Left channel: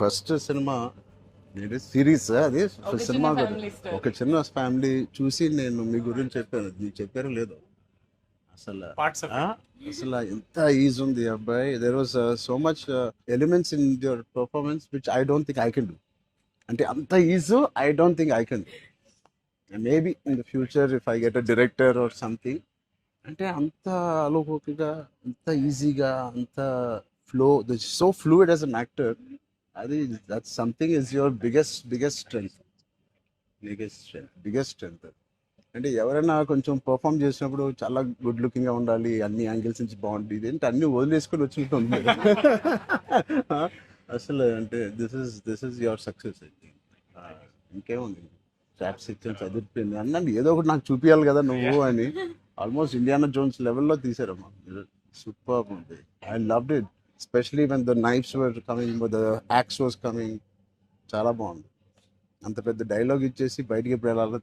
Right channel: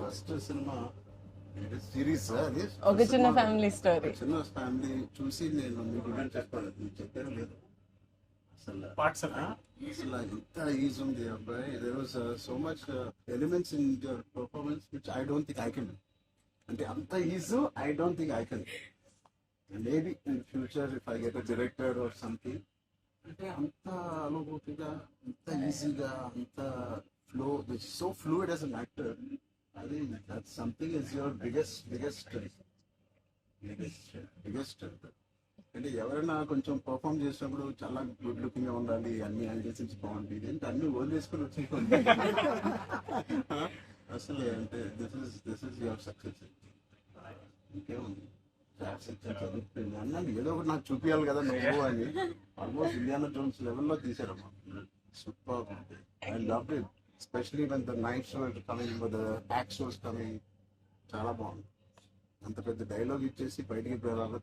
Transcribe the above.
First cinema series అది ఒక చిన్న సినిమా ఫ్యామిలీ స్టార్. ఒక చిన్న ఫ్యామిలీ చూసి నేను మీ గురించి చెప్పాను, మీకు చెప్పారో లేదో అసలు అసలు ఎంత ఈజ్ ఉంది ఈ అబ్బాయి. There was so much elements in your performance which I don't think I can do. అంటే అంత is I don't think I can. Maybe in the future if I get a director or something, అంటే అంత అలోకిగా, అంత ఈజీగా, అంత flow, so fluid as an actor. అది that something is your biggest strength. Biggest strength. అంటే ఎవరైనా కొంచెం పర్ఫామ్ చేసినప్పుడు చాలా గుడ్ లుకింగ్ గా ఉండాలి, అన్ని యాంగిల్స్ నుంచి బాగుంటుంది, ఇదేంటి అన్ని వదిలేసుకొని వచ్చినట్టు ఉంది. అసలు అంటే దిస్ ఇస్ యువర్ సక్సెస్. ఇంకేముంది, ట్రాప్స్ ఇచ్చాను, చదివిపోయింది అన్నాను, ఏదో ఒకటి నాకు చూపించాలి కదా నువ్వు అని. ఆల్మోస్ట్ ఇండియానా జోన్స్ లెవెల్లో తీసారమ్మా. సూపర్ ఉంది. I loved it, especially when the knives were coming, the axe was coming. చాలా బాగుంది. అంత పెద్ద డైలాగ్ ఇచ్చేసి బయటికి ఎప్పుడు వెళ్ళాలి.